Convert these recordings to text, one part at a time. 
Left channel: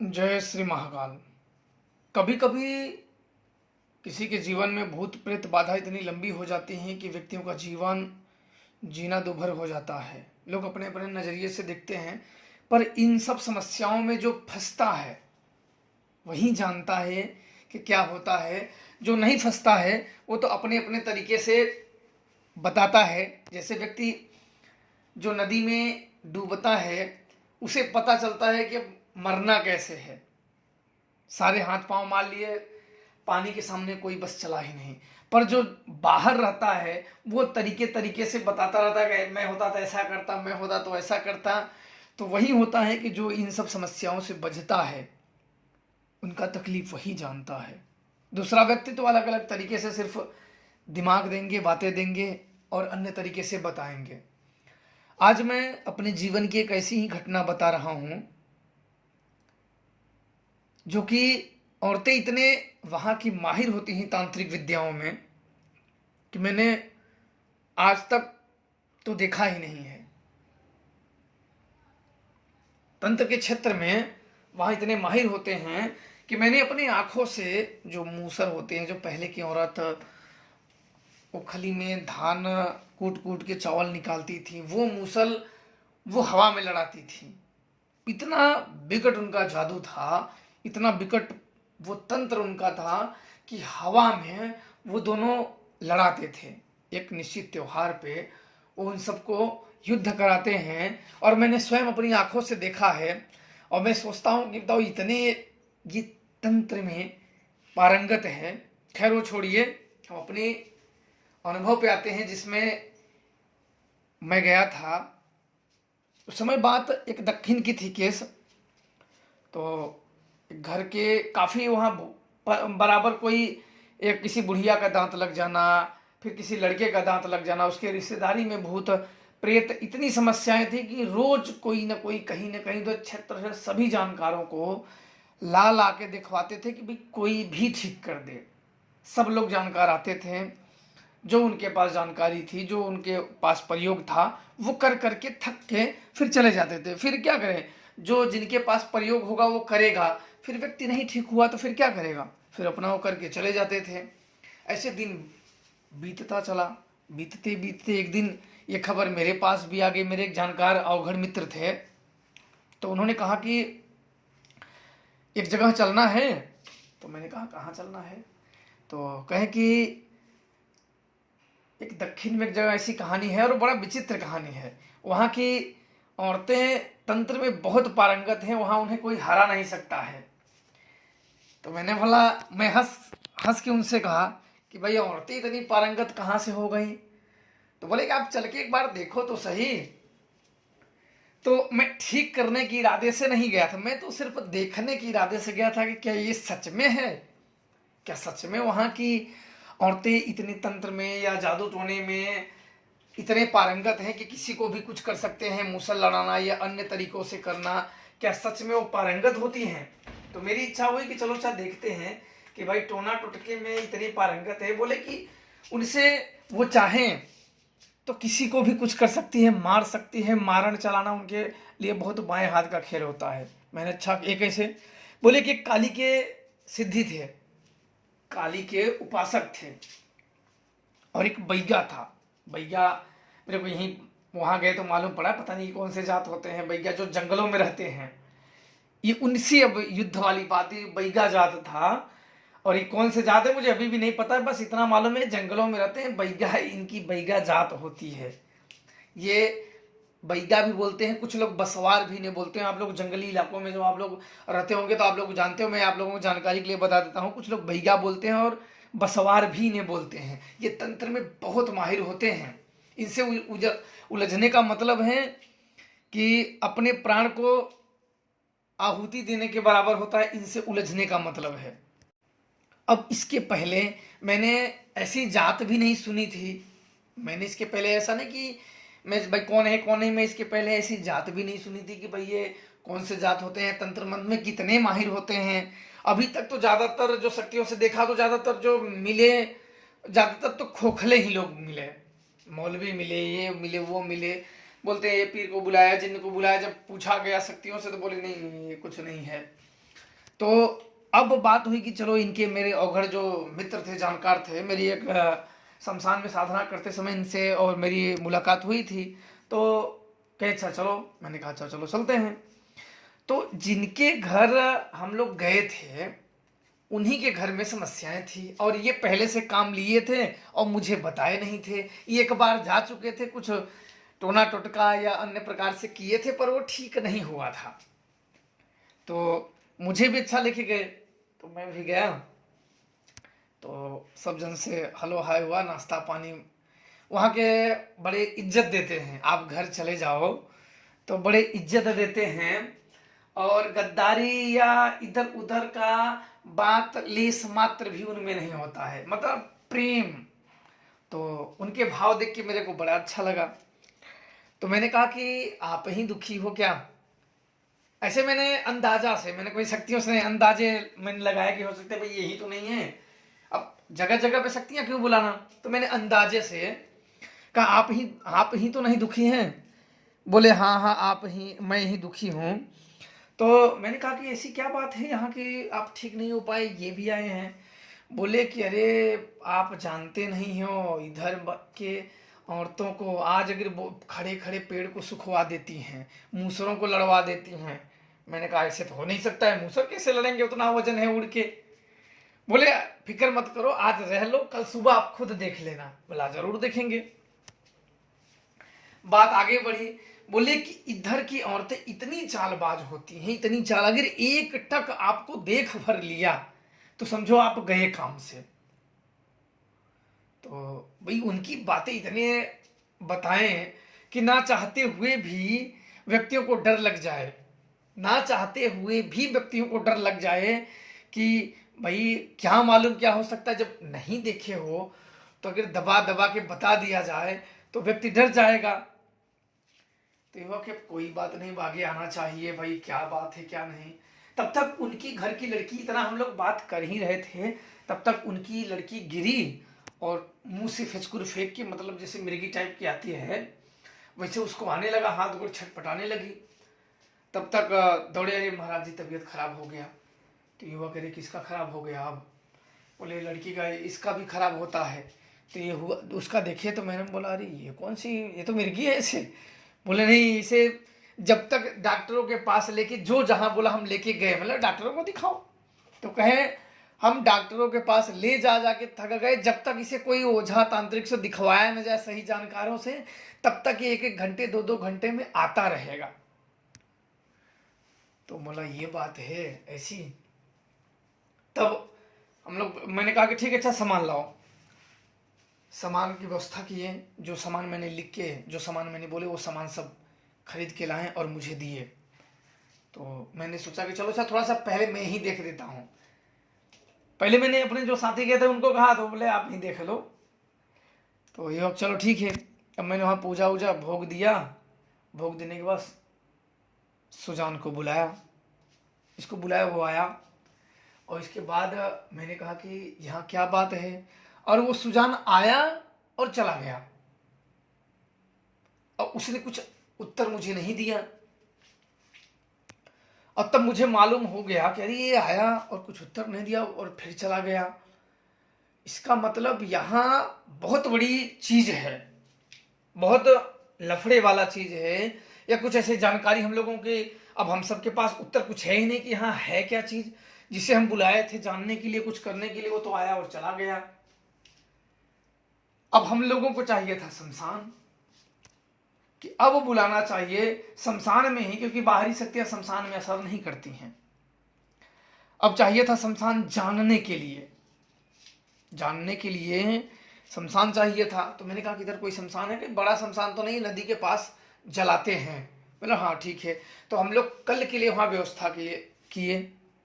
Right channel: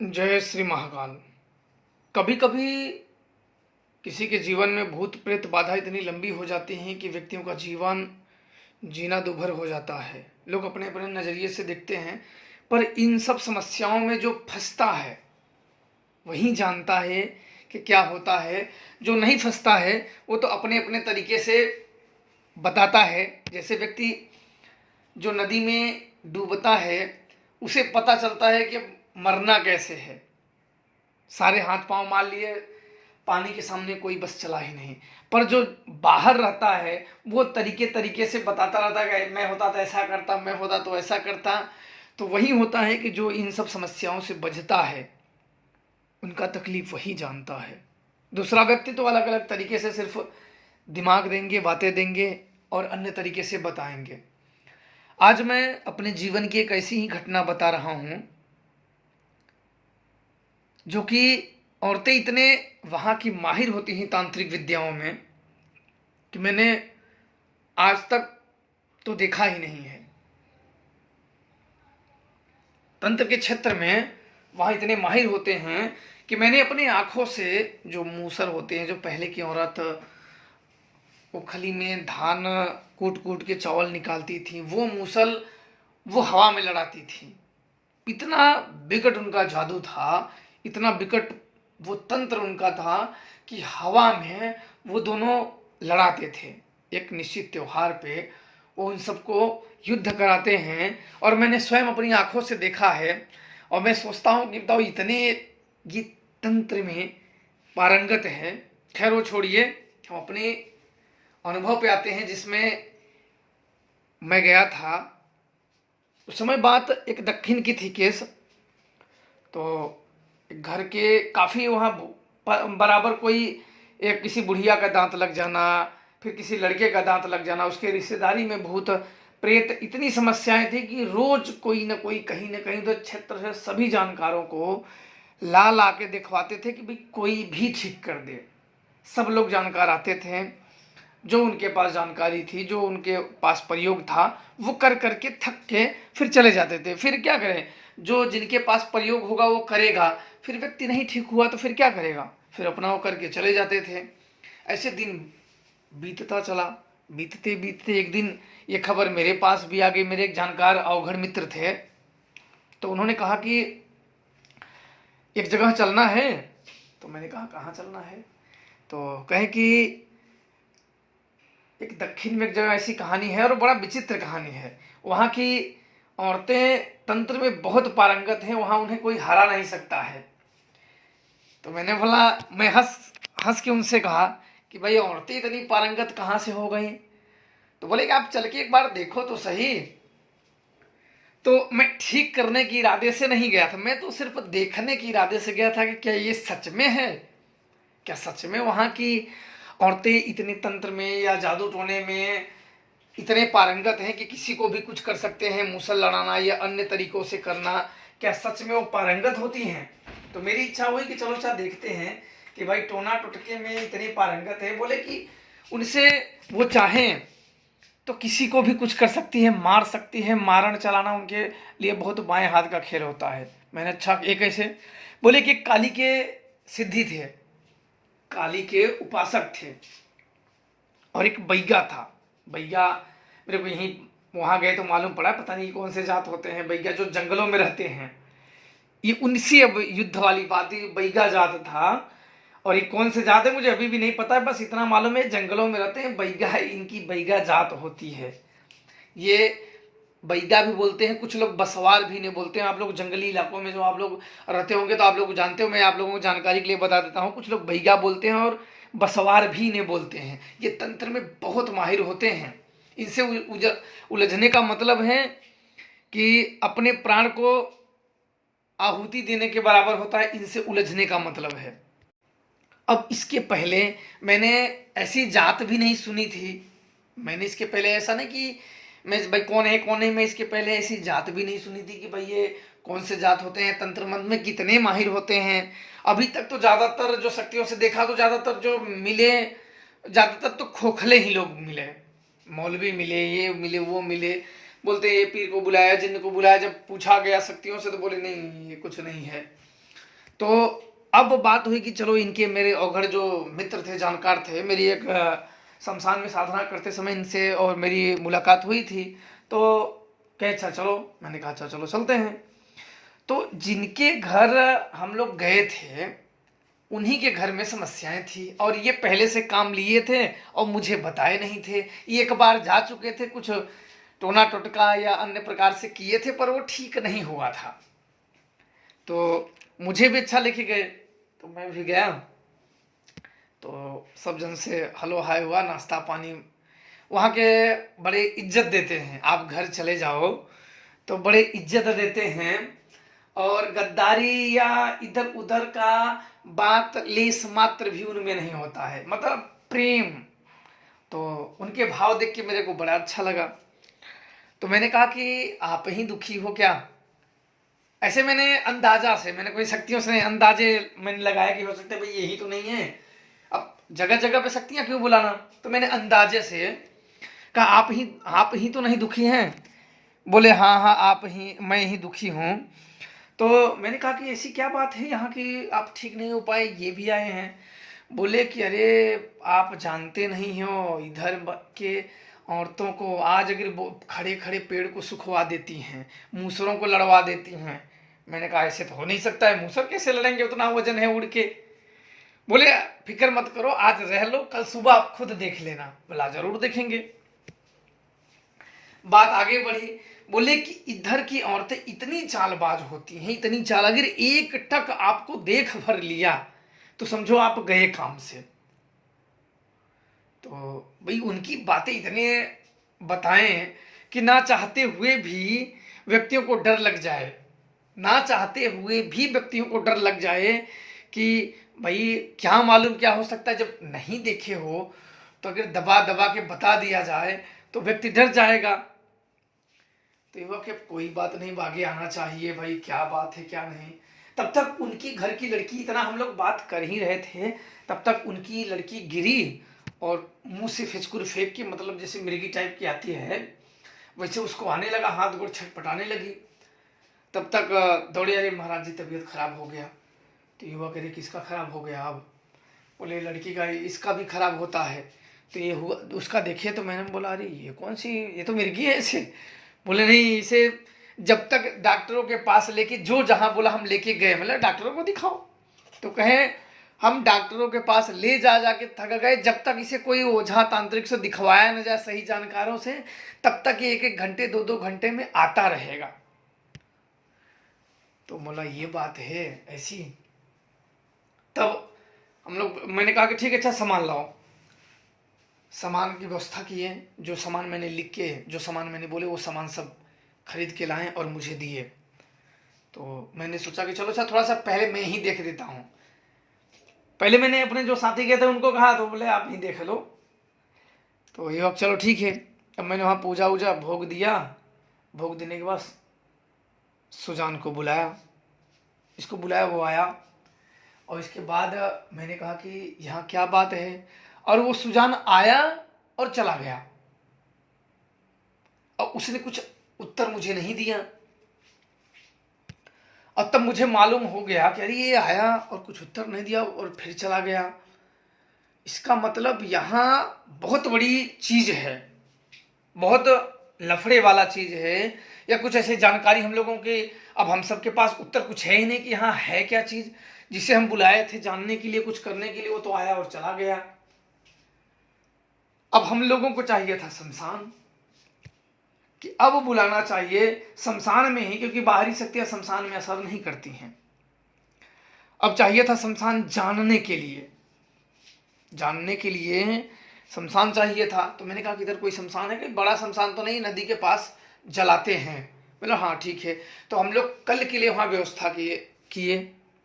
जय श्री महाकाल। कभी कभी किसी के जीवन में भूत प्रेत बाधा इतनी लंबी हो जाती है कि व्यक्तियों का जीवन जीना दुभर हो जाता है। लोग अपने अपने नज़रिए से देखते हैं, पर इन सब समस्याओं में जो फंसता है वही जानता है कि क्या होता है। जो नहीं फंसता है वो तो अपने अपने तरीके से बताता है। जैसे व्यक्ति जो नदी में डूबता है उसे पता चलता है कि मरना कैसे है, सारे हाथ पांव मार लिए, पानी के सामने कोई बस चला ही नहीं। पर जो बाहर रहता है वो तरीके तरीके से बताता रहता है कि मैं होता तो ऐसा करता, मैं होता तो ऐसा करता। तो वही होता है कि जो इन सब समस्याओं से बचता है उनका तकलीफ वही जानता है। दूसरा व्यक्ति तो अलग अलग तरीके से सिर्फ दिमाग देंगे, बातें देंगे और अन्य तरीके से बताएंगे। आज मैं अपने जीवन की एक ऐसी ही घटना बता रहा हूं जो कि औरतें इतने वहाँ की माहिर होती हैं तांत्रिक विद्याओं में कि मैंने आज तक तो देखा ही नहीं है। तंत्र के क्षेत्र में वहाँ इतने माहिर होते हैं कि मैंने अपनी आंखों से जो मूसर होते हैं, जो पहले की औरत वो खली में धान कूट कूट के चावल निकालती थी, वो मूसल वो हवा में लड़ाती थी। इतना विकट उनका जादू था, इतना विकट वो तंत्र उनका था कि हवा में वो दोनों लड़ाते थे। एक निश्चित त्योहार पे वो उन सबको युद्ध कराते हैं और मैंने स्वयं अपनी आंखों से देखा है। और मैं सोचता हूँ कि बताओ इतने ये तंत्र में पारंगत है। खैर वो छोड़िए, हम अपने अनुभव पे आते हैं जिसमें मैं गया था। उस समय बात एक दक्षिण की थी केस। तो घर के काफ़ी वहाँ बराबर कोई एक किसी बुढ़िया का दांत लग जाना, फिर किसी लड़के का दांत लग जाना, उसके रिश्तेदारी में भूत प्रेत इतनी समस्याएं थी कि रोज कोई ना कोई कहीं ना कहीं उधर क्षेत्र से सभी जानकारों को ला ला के दिखवाते थे कि भाई कोई भी ठीक कर दे। सब लोग जानकार आते थे, जो उनके पास जानकारी थी, जो उनके पास प्रयोग था, वो कर करके थक के फिर चले जाते थे। फिर क्या करें, जो जिनके पास प्रयोग होगा वो करेगा, फिर व्यक्ति नहीं ठीक हुआ तो फिर क्या करेगा, फिर अपना वो करके चले जाते थे। ऐसे दिन बीतता चला। बीतते बीतते एक दिन ये खबर मेरे पास भी आ गई। मेरे एक जानकार अवघड़ मित्र थे, तो उन्होंने कहा कि एक जगह चलना है। तो मैंने कहा कहाँ चलना है? तो कहे कि एक दक्षिण में एक जगह ऐसी कहानी है और बड़ा विचित्र कहानी है। वहाँ की औरतें तंत्र में बहुत पारंगत हैं, वहाँ उन्हें कोई हरा नहीं सकता है। तो मैंने बोला, मैं हंस हंस के उनसे कहा कि भाई औरतें इतनी पारंगत कहाँ से हो गई? तो बोले कि आप चल के एक बार देखो तो सही। तो मैं ठीक करने के इरादे से नहीं गया था, मैं तो सिर्फ देखने के इरादे से गया था कि क्या ये सच में है, क्या सच में वहाँ की औरतें इतने तंत्र में या जादू टोने में इतने पारंगत हैं कि किसी को भी कुछ कर सकते हैं, मूसल लड़ाना या अन्य तरीकों से करना, क्या सच में वो पारंगत होती हैं? तो मेरी इच्छा हुई कि चलो अच्छा देखते हैं कि भाई टोना टुटके में इतनी पारंगत है। बोले कि उनसे वो चाहें तो किसी को भी कुछ कर सकती है, मार सकती है। मारण चलाना उनके लिए बहुत बाएं हाथ का खेल होता है। मैंने अच्छा ये कैसे? बोले कि काली के सिद्धि थे, काली के उपासक थे और एक बैगा था। बैगा मेरे को यहीं वहाँ गए तो मालूम पड़ा, पता नहीं कौन से जात होते हैं बैगा, जो जंगलों में रहते हैं। ये उनसे अब युद्ध वाली बात है, बैगा जात था। और ये कौन से जात है मुझे अभी भी नहीं पता, बस इतना मालूम है जंगलों में रहते हैं, बैगा है, इनकी बैगा जात होती है। ये बैगा भी बोलते हैं, कुछ लोग बसवार भी नहीं बोलते हैं। आप लोग जंगली इलाकों में जो आप लोग रहते होंगे तो आप लोग जानते हो, मैं आप लोगों को जानकारी के लिए बता देता हूँ। कुछ लोग बैगा बोलते हैं और बसवार भी नहीं बोलते हैं। ये तंत्र में बहुत माहिर होते हैं। इनसे उलझने का मतलब है कि अपने प्राण को आहुति देने के बराबर होता है। इनसे उलझने का मतलब है। अब इसके पहले मैंने ऐसी जात भी नहीं सुनी थी। मैंने इसके पहले ऐसा नहीं कि मैं भाई कौन है कौन नहीं, मैं इसके पहले ऐसी जात भी नहीं सुनी थी कि भाई ये कौन से जात होते हैं, तंत्र मंत्र में कितने माहिर होते हैं। अभी तक तो ज़्यादातर जो शक्तियों से देखा तो ज़्यादातर जो मिले, ज़्यादातर तो खोखले ही लोग मिले। मौलवी मिले, ये मिले, वो मिले। बोलते हैं ये पीर को बुलाया, जिन्न को बुलाया। जब पूछा गया शक्तियों से तो बोले नहीं ये कुछ नहीं है। तो अब बात हुई कि चलो इनके मेरे अवघड़ जो मित्र थे, जानकार थे, मेरी एक शमशान में साधना करते समय इनसे और मेरी मुलाकात हुई थी। तो कहे अच्छा चलो, मैंने कहा अच्छा चलो चलते हैं। तो जिनके घर हम लोग गए थे उन्हीं के घर में समस्याएं थी, और ये पहले से काम लिए थे और मुझे बताए नहीं थे। ये एक बार जा चुके थे, कुछ टोना टोटका या अन्य प्रकार से किए थे, पर वो ठीक नहीं हुआ था। तो मुझे भी अच्छा लेके गए, तो मैं भी गया। तो सब जन से हलो हाय हुआ, नाश्ता पानी। वहाँ के बड़े इज्जत देते हैं, आप घर चले जाओ तो बड़े इज्जत देते हैं, और गद्दारी या इधर उधर का बात लेस मात्र भी उनमें नहीं होता है, मतलब प्रेम। तो उनके भाव देख के मेरे को बड़ा अच्छा लगा। तो मैंने कहा कि आप ही दुखी हो क्या? ऐसे मैंने अंदाजा से, मैंने कोई शक्तियों से अंदाजे मैंने लगाया कि हो सकता है भाई यही तो नहीं है। अब जगह जगह पे शक्तियां क्यों बुलाना, तो मैंने अंदाजे से कहा आप ही तो नहीं दुखी हैं? बोले हाँ हाँ आप ही, मैं ही दुखी हूँ। तो मैंने कहा कि ऐसी क्या बात है यहाँ की आप ठीक नहीं हो पाए, ये भी आए हैं? बोले कि अरे आप जानते नहीं हो, इधर के औरतों को आज अगर खड़े खड़े पेड़ को सुखवा देती हैं, मूसरों को लड़वा देती हैं। मैंने कहा ऐसे तो हो नहीं सकता है, मूसर कैसे लड़ेंगे, उतना वजन है उड़ के। बोले फिक्र मत करो, आज रह लो, कल सुबह आप खुद देख लेना। बोला जरूर देखेंगे। बात आगे बढ़ी। बोले कि इधर की औरतें इतनी चालबाज होती हैं, इतनी चाल, अगर एक टक आपको देख भर लिया तो समझो आप गए काम से। तो भाई उनकी बातें इतने बताएं कि ना चाहते हुए भी व्यक्तियों को डर लग जाए, ना चाहते हुए भी व्यक्तियों को डर लग जाए कि भाई क्या मालूम क्या हो सकता है। जब नहीं देखे हो तो अगर दबा दबा के बता दिया जाए तो व्यक्ति डर जाएगा। तो युवा के कोई बात नहीं, आगे आना चाहिए भाई, क्या बात है क्या नहीं। तब तक उनकी घर की लड़की, इतना हम लोग बात कर ही रहे थे, तब तक उनकी लड़की गिरी और मुंह से फिचकुर फेंक के, मतलब जैसे मिर्गी टाइप की आती है वैसे उसको आने लगा, हाथ गोड़ छटपटाने लगी। तब तक दौड़े, अरे महाराज जी तबीयत खराब हो गया। तो युवा कह रहे किसका खराब हो गया? अब बोले लड़की का, इसका भी खराब होता है। तो ये हुआ उसका देखे, तो मैंने बोला अरे ये कौन सी, ये तो मिर्गी है ऐसे। बोले नहीं, इसे जब तक डॉक्टरों के पास लेके, जो जहां बोला हम लेके गए, मतलब डॉक्टरों को दिखाओ। तो कहे हम डॉक्टरों के पास ले जा जाके थक गए, जब तक इसे कोई ओझा तांत्रिक से दिखवाया न जाए सही जानकारों से, तब तक ये 1-1 घंटे 2-2 घंटे में आता रहेगा। तो बोला ये बात है ऐसी। तब हम लोग, मैंने कहा कि ठीक है अच्छा सामान लाओ। सामान की व्यवस्था की है, जो सामान मैंने लिख के, जो सामान मैंने बोले वो सामान सब खरीद के लाएं और मुझे दिए। तो मैंने सोचा कि चलो अच्छा थोड़ा सा पहले मैं ही देख देता हूँ। पहले मैंने अपने जो साथी गए थे उनको कहा, तो बोले आप ही देख लो। तो ये चलो ठीक है। अब मैंने वहाँ पूजा वूजा भोग दिया। भोग देने के बाद सुजान को बुलाया, इसको बुलाया, वो आया। और इसके बाद मैंने कहा कि यहाँ क्या बात है, और वो सुजान आया और चला गया, और उसने कुछ उत्तर मुझे नहीं दिया। और तब मुझे मालूम हो गया कि अरे ये आया और कुछ उत्तर नहीं दिया और फिर चला गया। इसका मतलब यहाँ बहुत बड़ी चीज है, बहुत लफड़े वाला चीज है, या कुछ ऐसी जानकारी हम लोगों के, अब हम सबके पास उत्तर कुछ है ही नहीं कि यहाँ है क्या चीज जिसे हम बुलाए थे जानने के लिए, कुछ करने के लिए। वो तो आया और चला गया। अब हम लोगों को चाहिए था शमशान, कि अब बुलाना चाहिए शमशान में ही, क्योंकि बाहरी शक्तियां शमशान में असर नहीं करती हैं। अब चाहिए था शमशान जानने के लिए, जानने के लिए शमशान चाहिए था। तो मैंने कहा कि इधर कोई शमशान है? कोई बड़ा शमशान तो नहीं, नदी के पास जलाते हैं। बोला हाँ ठीक है। तो हम लोग कल के लिए वहाँ व्यवस्था किए।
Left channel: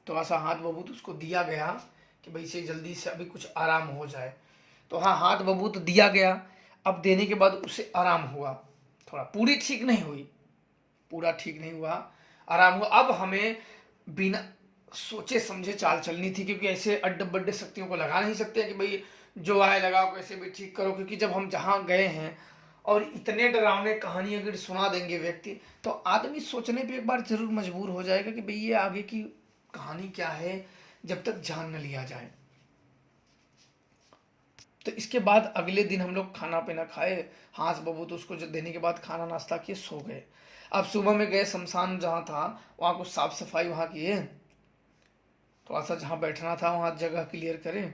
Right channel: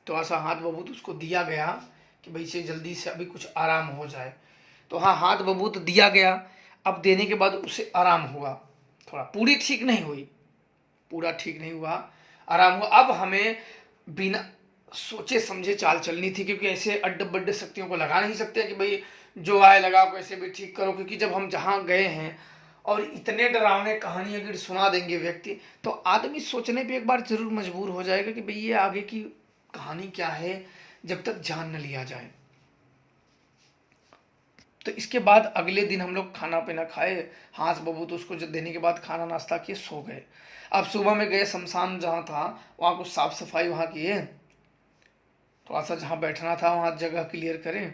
तो ऐसा हाथ बबूत उसको दिया गया कि भाई से जल्दी से अभी कुछ आराम हो जाए। तो हाँ हाथ बबूत दिया गया। अब देने के बाद उसे आराम हुआ, थोड़ा, पूरी ठीक नहीं हुई, पूरा ठीक नहीं हुआ, आराम हुआ। अब हमें बिना सोचे समझे चाल चलनी थी, क्योंकि ऐसे अड्ड बड्ड शक्तियों को लगा नहीं सकते कि भाई जो आए लगा कैसे भी ठीक करो। क्योंकि जब हम जहाँ गए हैं और इतने डरावने कहानी अगर सुना देंगे व्यक्ति, तो आदमी सोचने पे एक बार जरूर मजबूर हो जाएगा कि भाई ये आगे की कहानी क्या है जब तक जान न लिया जाए। तो इसके बाद अगले दिन हम लोग खाना पीना खाए, हाँस बबूत उसको जो देने के बाद खाना नाश्ता किए, सो गए। अब सुबह में गए शमशान जहाँ था, वहाँ कुछ साफ सफाई वहाँ किए, थोड़ा सा जहाँ बैठना था वहाँ जगह क्लियर करें।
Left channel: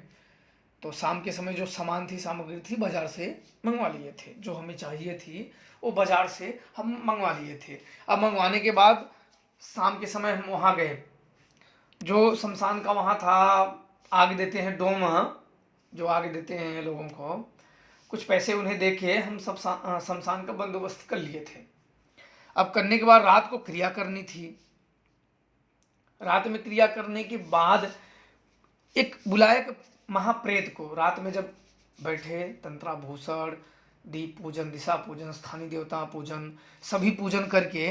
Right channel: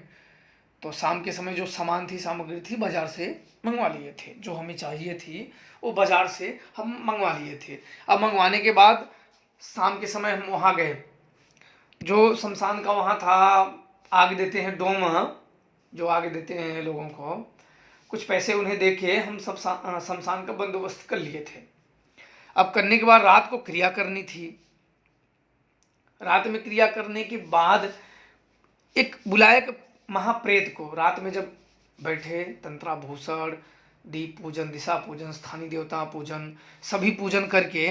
तो शाम के समय जो सामान थी, सामग्री थी, बाजार से मंगवा लिए थे, जो हमें चाहिए थी वो बाजार से हम मंगवा लिए थे। अब मंगवाने के बाद शाम के समय हम वहाँ गए, जो शमशान का वहाँ था, आग देते हैं डोम, जो आग देते हैं लोगों को, कुछ पैसे उन्हें दे के हम सब शमशान का बंदोबस्त कर लिए थे। अब करने के बाद रात को क्रिया करनी थी। रात में क्रिया करने के बाद एक बुलाया एक महाप्रेत को। रात में जब बैठे, तंत्राभूषण, दीप पूजन, दिशा पूजन, स्थानीय देवता पूजन, सभी पूजन करके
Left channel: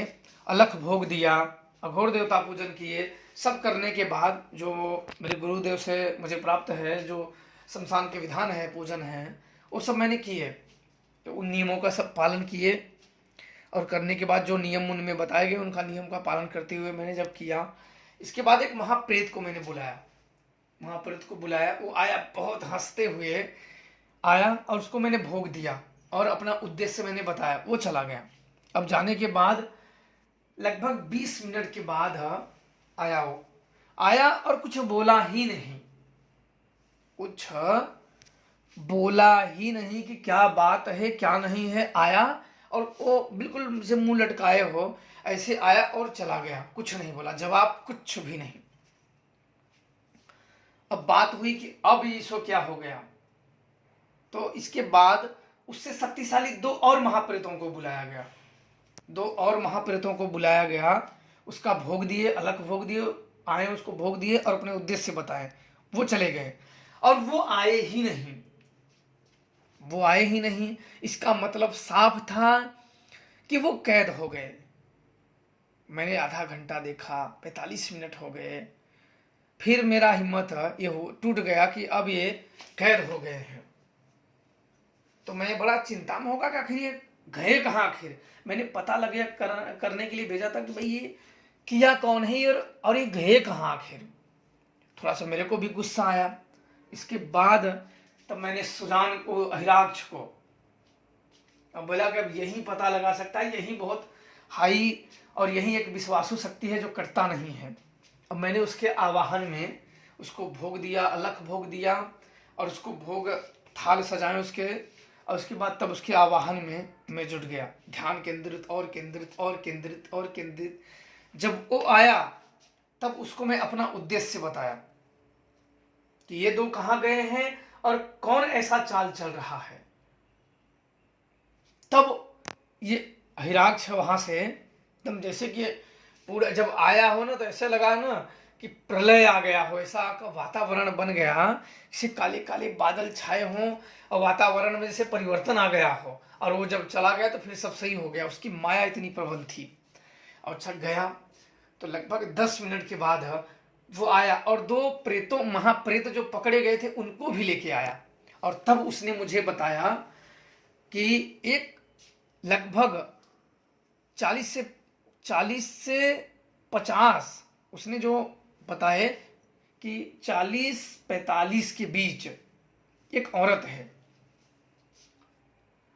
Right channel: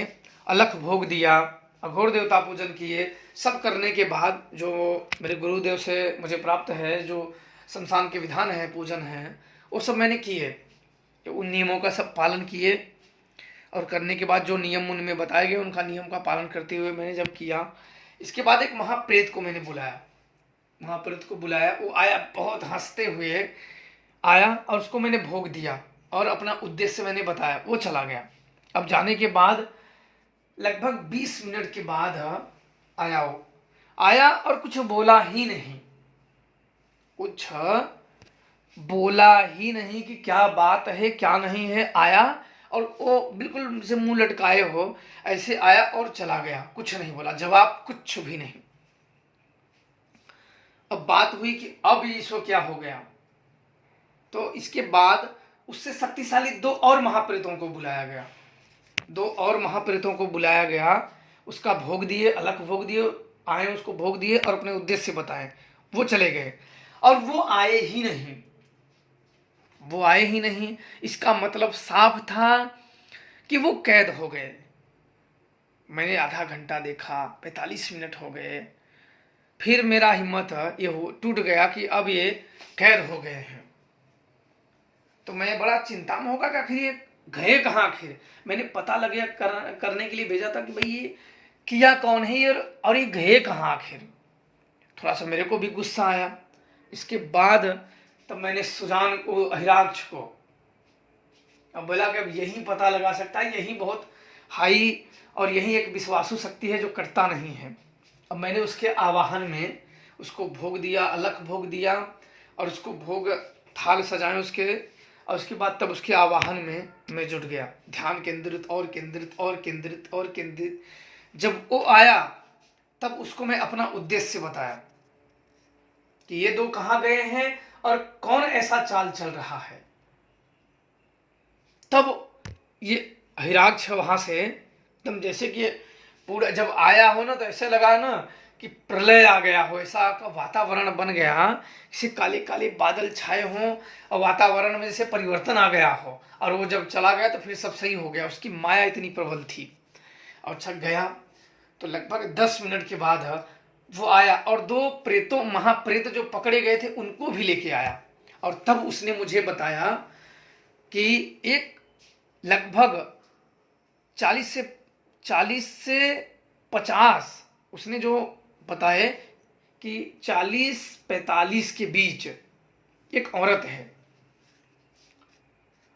अलख भोग दिया, अघोर देवता पूजन किए। सब करने के बाद जो मेरे गुरुदेव से मुझे प्राप्त है, जो शमशान के विधान है, पूजन है, वो सब मैंने किए। उन नियमों का सब पालन किए, और करने के बाद जो नियम उनमें बताए गए उनका नियम का पालन करते हुए मैंने जब किया, इसके बाद एक महाप्रेत को मैंने बुलाया। महाप्रेत को बुलाया, वो आया, बहुत हंसते हुए आया, और उसको मैंने भोग दिया और अपना उद्देश्य मैंने बताया। वो चला गया। अब जाने के बाद लगभग 20 मिनट के बाद आया। वो आया और कुछ बोला ही नहीं, कुछ बोला ही नहीं कि क्या बात है क्या नहीं है। आया और वो बिल्कुल मुझसे मुंह लटकाए हो ऐसे आया और चला गया, कुछ नहीं बोला, जवाब कुछ भी नहीं। अब बात हुई कि अब इसको क्या हो गया। तो इसके बाद उससे शक्तिशाली 2 और महाप्रेतों को बुलाया गया। 2 और महाप्रेतों को बुलाया गया, उसका भोग दिए, अलग भोग दिए, आए उसको भोग दिए और अपने उद्देश्य बताए। वो चले गए और वो आए ही नहीं। वो आए ही नहीं, इसका मतलब साफ था कि वो कैद हो गए। मैंने आधा घंटा देखा, 45 मिनट हो गए, फिर मेरा हिम्मत ये टूट गया कि अब ये कैद हो गए हैं। तो मैं बड़ा चिंता में होगा कि आखिर ये गए कहाँ। आखिर मैंने पता लगे करने के लिए भेजा था कि भाई ये किया कौन है और ये गए कहाँ आखिर। थोड़ा सा मेरे को भी गुस्सा आया। इसके बाद तब मैंने सुजान को, अहिराक्ष को, अब बोला कि अब यही पता लगा सकता है, यही बहुत हाई और यही एक विश्वासु शक्ति है जो करता नहीं है। अब मैंने उसके आवाहन में उसको भोग दिया, अलख भोग दिया, और उसको भोग थाल सजाए उसके, और उसके बाद तब उसके आवाहन में मैं जुट गया, ध्यान केंद्रित और केंद्रित और केंद्रित और केंद्रित। जब वो आया तब उसको मैं अपना उद्देश्य बताया कि ये 2 कहाँ गए हैं और कौन ऐसा चाल चल रहा है। तब ये हिराक्ष वहां से एकदम जैसे कि पूरा जब आया हो ना, तो ऐसे लगा ना कि प्रलय आ गया हो, ऐसा का वातावरण बन गया, जैसे काले काले बादल छाए हों और वातावरण में जैसे परिवर्तन आ गया हो। और वो जब चला गया तो फिर सब सही हो गया। उसकी माया इतनी प्रबल थी। और छक गया तो लगभग 10 मिनट के बाद वो आया और 2 प्रेतों, महाप्रेत जो पकड़े गए थे उनको भी लेके आया। और तब उसने मुझे बताया कि एक लगभग 40 से 50, उसने जो बताए कि 40-45 के बीच एक औरत है,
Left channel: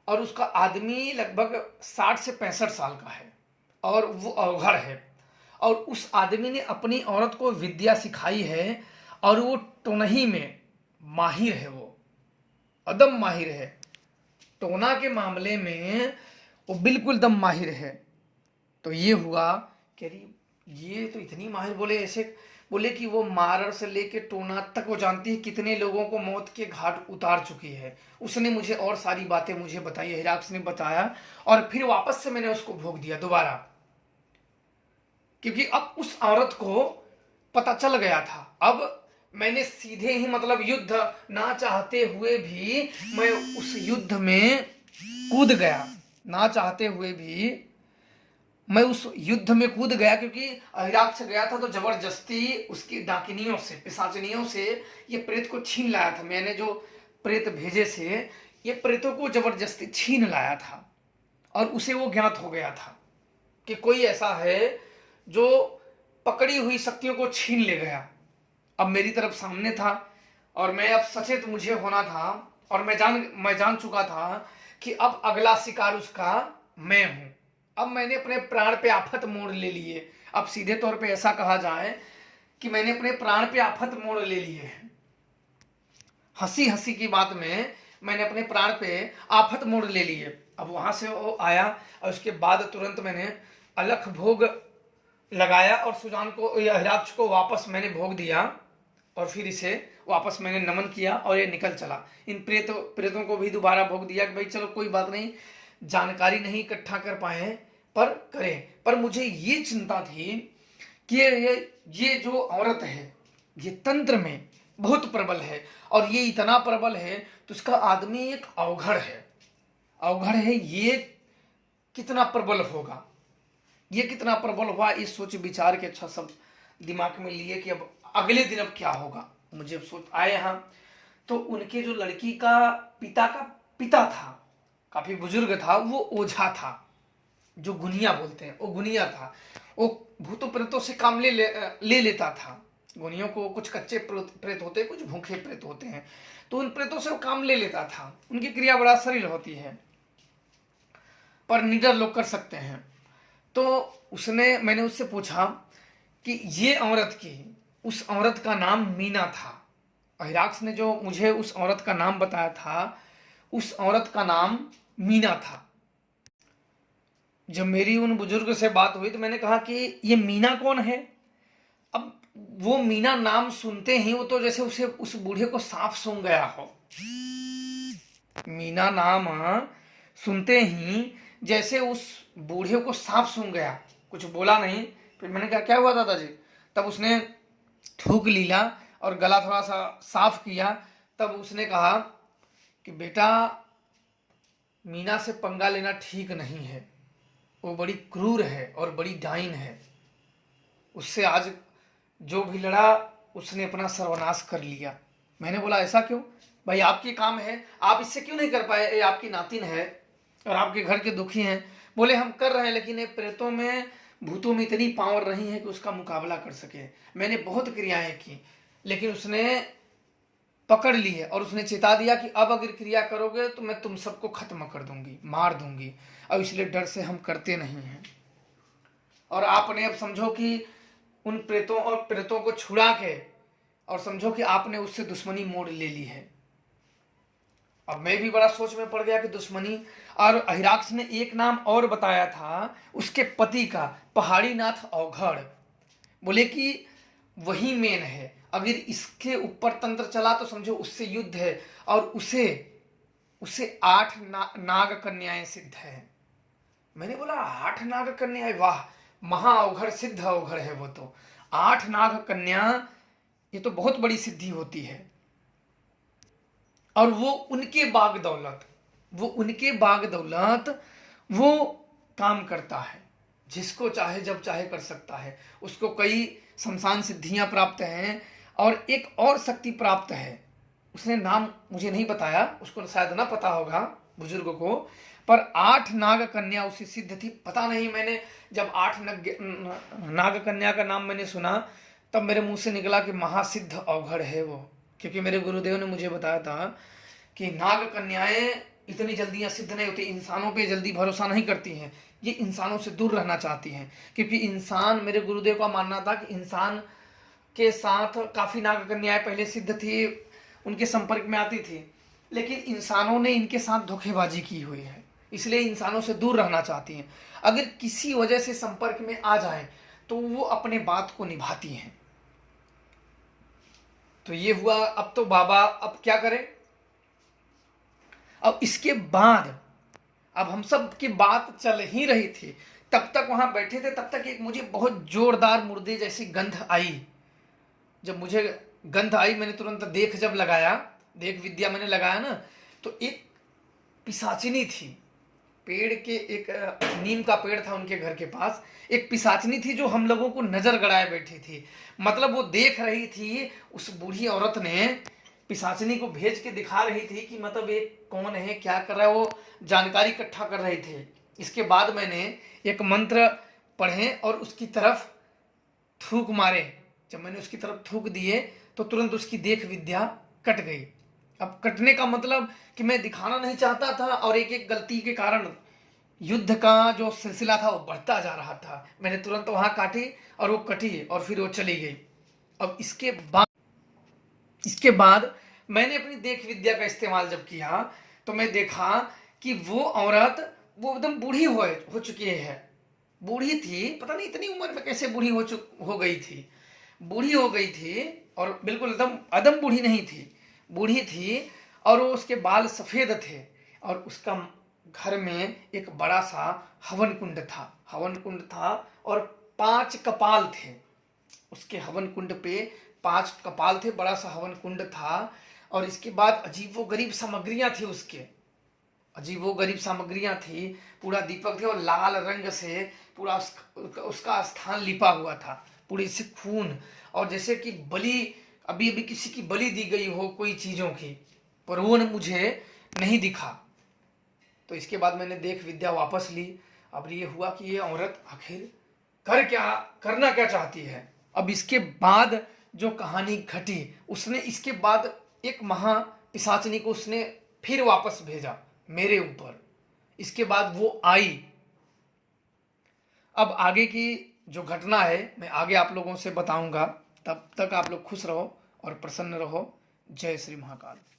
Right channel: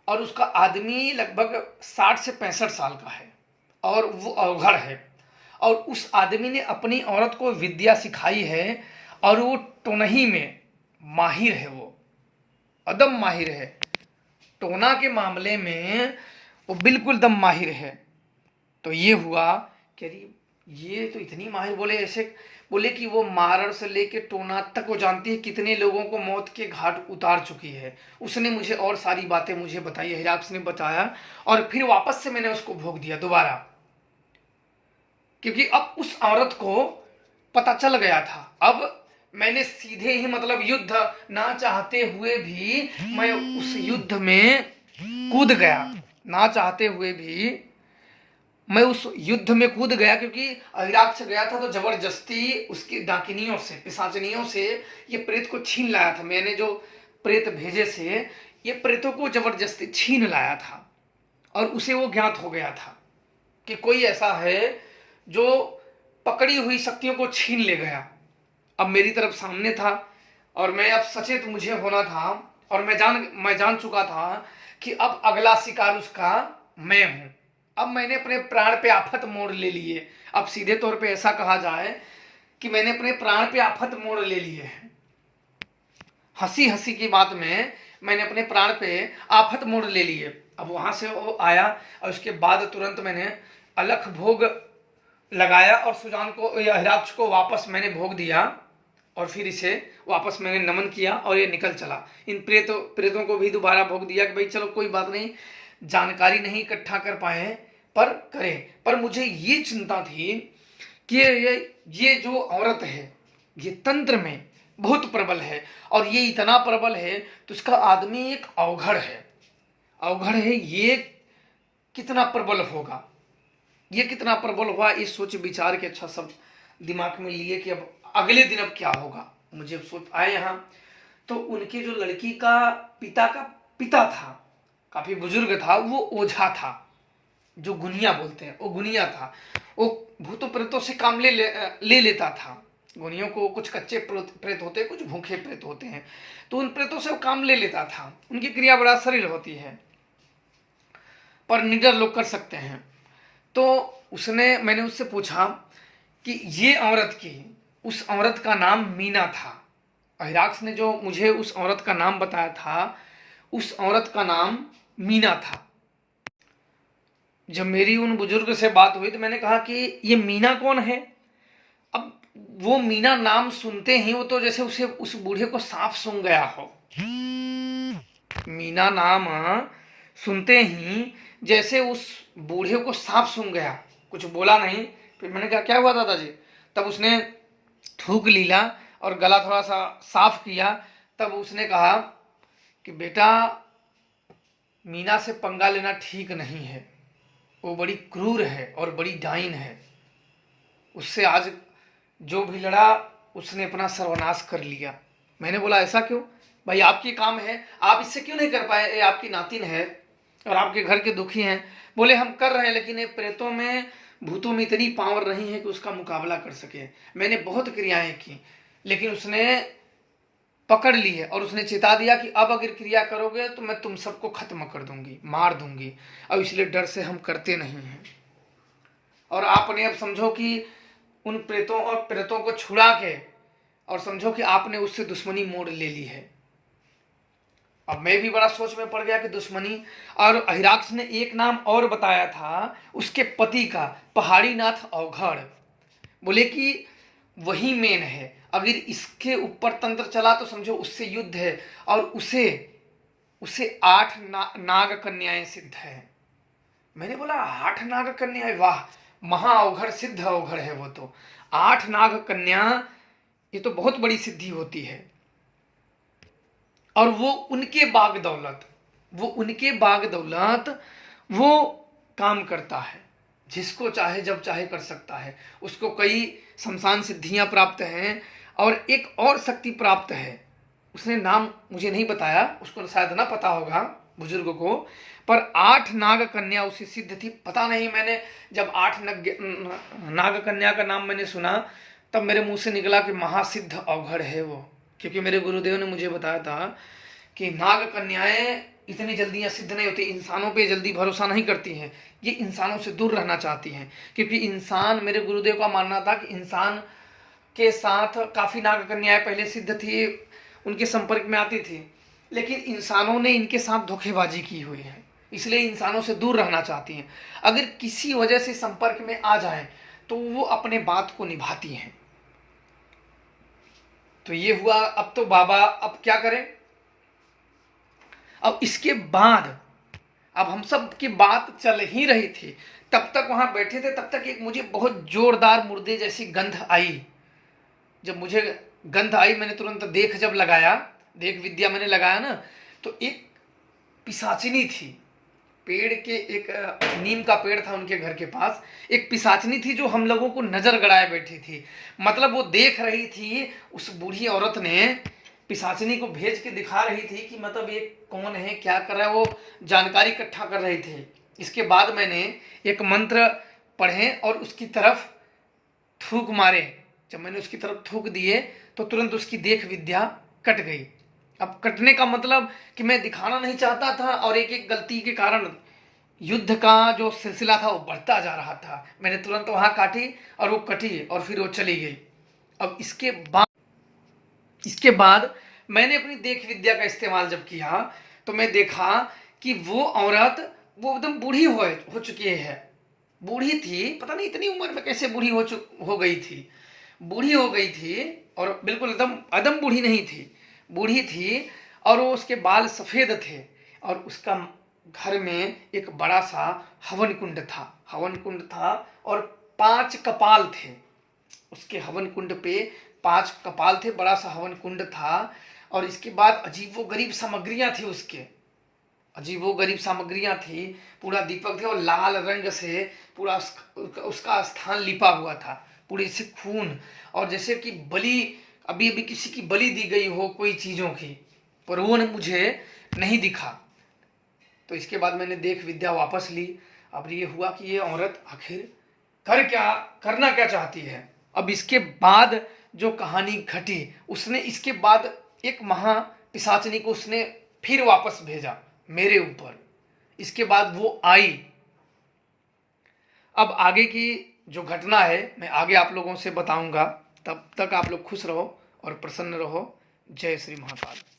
और उसका आदमी लगभग 60 से 65 साल का है, और वो अवघड़ है। और उस आदमी ने अपनी औरत को विद्या सिखाई है, और वो टोनही में माहिर है, वो अदम माहिर है। टोना के मामले में वो बिल्कुल दम माहिर है। तो ये हुआ कि ये तो इतनी माहिर, बोले ऐसे बोले कि वो मारड़ से लेके टोना तक वो जानती है, कितने लोगों को मौत के घाट उतार चुकी है। उसने मुझे और सारी बातें मुझे बताई, हिराक्ष ने बताया, और फिर वापस से मैंने उसको भोग दिया दोबारा, क्योंकि अब उस औरत को पता चल गया था। अब मैंने सीधे ही मतलब युद्ध ना चाहते हुए भी मैं उस युद्ध में कूद गया, ना चाहते हुए भी मैं उस युद्ध में कूद गया, क्योंकि हिराक्ष गया था तो जबरदस्ती उसकी डाकिनियों से, पिशाचनियों से ये प्रेत को छीन लाया था। मैंने जो प्रेत भेजे से ये प्रेतों को जबरदस्ती छीन लाया था, और उसे वो ज्ञात हो गया था कि कोई ऐसा है जो पकड़ी हुई शक्तियों को छीन ले गया। अब मेरी तरफ सामने था और मैं अब सचेत मुझे होना था और मैं जान चुका था कि अब अगला शिकार उसका मैं हूं। अब मैंने अपने प्राण पे आफत मोड़ ले लिए। अब सीधे तौर पे ऐसा कहा जाए कि मैंने अपने प्राण पे आफत मोड़ ले लिए हैं। हंसी हंसी की बात में मैंने अपने प्राण पे आफत मोड़ ले लिए। अब वहां से वो आया और उसके बाद तुरंत मैंने अलख भोग लगाया और सुजान को या हिराक्ष को वापस मैंने भोग दिया और फिर इसे वापस मैंने नमन किया और ये निकल चला। इन प्रेतों को भी दोबारा भोग दिया कि भाई चलो कोई बात नहीं, जानकारी नहीं इकट्ठा कर पाए पर करें। पर मुझे ये चिंता थी कि ये जो औरत है ये तंत्र में बहुत प्रबल है और ये इतना प्रबल है तो उसका आदमी एक अवघड़ है। ये कितना प्रबल होगा, ये कितना प्रबल हुआ, इस सोच विचार के अच्छा सब दिमाग में लिए कि अब अगले दिन अब क्या होगा। मुझे सोच आए यहाँ तो उनके जो लड़की का पिता था, काफी बुजुर्ग था, वो ओझा था, जो गुनिया बोलते हैं, वो गुनिया था। वो भूतों प्रेतों से काम ले लेता था। गुनियों को कुछ कच्चे प्रेत होते हैं, कुछ भूखे प्रेत होते हैं, तो उन प्रेतों से वो काम ले लेता था। उनकी क्रिया बड़ा सरल होती है पर निडर लोग कर सकते हैं। तो मैंने उससे पूछा कि ये उस औरत का नाम मीना था। हिराक्स ने जो मुझे उस औरत का नाम बताया था, उस औरत का नाम मीना था। जब मेरी उन बुजुर्ग से बात हुई तो मैंने कहा कि ये मीना कौन है। अब वो मीना नाम सुनते ही वो तो जैसे उस बूढ़े को सांप सूंघ गया हो। मीना नाम सुनते ही जैसे उस बूढ़े को सांप सूंघ गया। कुछ बोला नहीं। फिर मैंने कहा क्या हुआ दादाजी। तब उसने थूक लीला और गला थोड़ा सा साफ किया। तब उसने कहा कि बेटा, मीना से पंगा लेना ठीक नहीं है, वो बड़ी क्रूर है और बड़ी डाइन है। उससे आज जो भी लड़ा उसने अपना सर्वनाश कर लिया। मैंने बोला ऐसा क्यों भाई, आपकी काम है, आप इससे क्यों नहीं कर पाए, ये आपकी नातिन है और आपके घर के दुखी हैं। बोले हम कर रहे हैं लेकिन ये प्रेतों में भूतों में इतनी पावर नहीं है कि उसका मुकाबला कर सके। मैंने बहुत क्रियाएं की लेकिन उसने पकड़ ली है और उसने चेता दिया कि अब अगर क्रिया करोगे तो मैं तुम सबको खत्म कर दूंगी, मार दूंगी, और इसलिए डर से हम करते नहीं हैं। और आपने अब समझो कि उन प्रेतों को छुड़ा के और समझो कि आपने उससे दुश्मनी मोड़ ले ली है। अब मैं भी बड़ा सोच में पड़ गया कि दुश्मनी। और हिराक्स ने एक नाम और बताया था उसके पति का, पहाड़ी नाथ अवघड़। बोले कि वही मेन है, अगर इसके ऊपर तंत्र चला तो समझो उससे युद्ध है और उसे 8 नाग कन्याएं सिद्ध है। मैंने बोला 8 नाग कन्याएं, वाह, महा अवघड़, सिद्ध अवघड़ है वो तो। 8 नाग कन्या, ये तो बहुत बड़ी सिद्धि होती है। और वो उनके बाग दौलत वो काम करता है, जिसको चाहे जब चाहे कर सकता है। उसको कई शमशान सिद्धियां प्राप्त हैं और एक और शक्ति प्राप्त है। उसने नाम मुझे नहीं बताया, उसको शायद ना पता होगा बुजुर्ग को, पर 8 नाग कन्या उसे सिद्ध थी। पता नहीं, मैंने जब 8 नाग कन्या का नाम मैंने सुना तब मेरे मुंह से निकला कि महासिद्ध अवघड़ है वो। क्योंकि मेरे गुरुदेव ने मुझे बताया था कि नाग कन्याएं इतनी जल्दी सिद्ध नहीं होती, इंसानों पे जल्दी भरोसा नहीं करती हैं, ये इंसानों से दूर रहना चाहती हैं। क्योंकि इंसान, मेरे गुरुदेव का मानना था कि इंसान के साथ काफ़ी नाग कन्याएं पहले सिद्ध थी, उनके संपर्क में आती थी, लेकिन इंसानों ने इनके साथ धोखेबाजी की हुई है, इसलिए इंसानों से दूर रहना चाहती हैं। अगर किसी वजह से संपर्क में आ जाए तो वो अपने बात को निभाती हैं। तो ये हुआ। अब तो बाबा अब क्या करें। अब इसके बाद अब हम सब की बात चल ही रही थी, तब तक वहां बैठे थे, तब तक एक मुझे बहुत जोरदार मुर्दे जैसी गंध आई। जब मुझे गंध आई मैंने तुरंत देख विद्या मैंने लगाया ना, तो एक पिशाचिनी थी। पेड़ के एक नीम का पेड़ था उनके घर के पास, एक पिशाचिनी थी जो हम लोगों को नजर गड़ाए बैठी थी। मतलब वो देख रही थी, उस बूढ़ी औरत ने पिशाचिनी को भेज के दिखा रही थी कि मतलब ये कौन है, क्या कर रहा है, वो जानकारी इकट्ठा कर रहे थे। इसके बाद मैंने एक मंत्र पढ़े और उसकी तरफ थूक मारे। जब मैंने उसकी तरफ थूक दिए तो तुरंत उसकी देख विद्या कट गई। अब कटने का मतलब कि मैं दिखाना नहीं चाहता था और एक एक गलती के कारण युद्ध का जो सिलसिला था वो बढ़ता जा रहा था। मैंने तुरंत वहां काटी और वो कटी और फिर वो चली गई। अब इसके बाद मैंने अपनी देख विद्या का इस्तेमाल जब किया तो मैं देखा कि वो औरत वो एकदम बूढ़ी हो चुकी है। बूढ़ी थी, पता नहीं इतनी उम्र में कैसे बूढ़ी हो गई थी। बूढ़ी हो गई थी और बिल्कुल एकदम अदम बूढ़ी नहीं थी, बूढ़ी थी। और वो उसके बाल सफ़ेद थे और उसका घर में एक बड़ा सा हवन कुंड था और 5 कपाल थे। उसके हवन कुंड पे 5 कपाल थे, बड़ा सा हवन कुंड था। और इसके बाद अजीबोगरीब सामग्रियां थी उसके, अजीबोगरीब सामग्रियां थी। पूरा दीपक थे और लाल रंग से पूरा उसका स्थान लिपा हुआ था, पूरी से खून। और जैसे कि बलि, अभी अभी किसी की बलि दी गई हो कोई चीज़ों की, पर वो मुझे नहीं दिखा। तो इसके बाद मैंने देख विद्या वापस ली। अब ये हुआ कि ये औरत आखिर करना क्या चाहती है। अब इसके बाद जो कहानी घटी, उसने इसके बाद एक महा पिशाचनी को उसने फिर वापस भेजा मेरे ऊपर। इसके बाद वो आई। अब आगे की जो घटना है मैं आगे आप लोगों से बताऊंगा। तब तक आप लोग खुश रहो और प्रसन्न रहो। जय श्री महाकाल।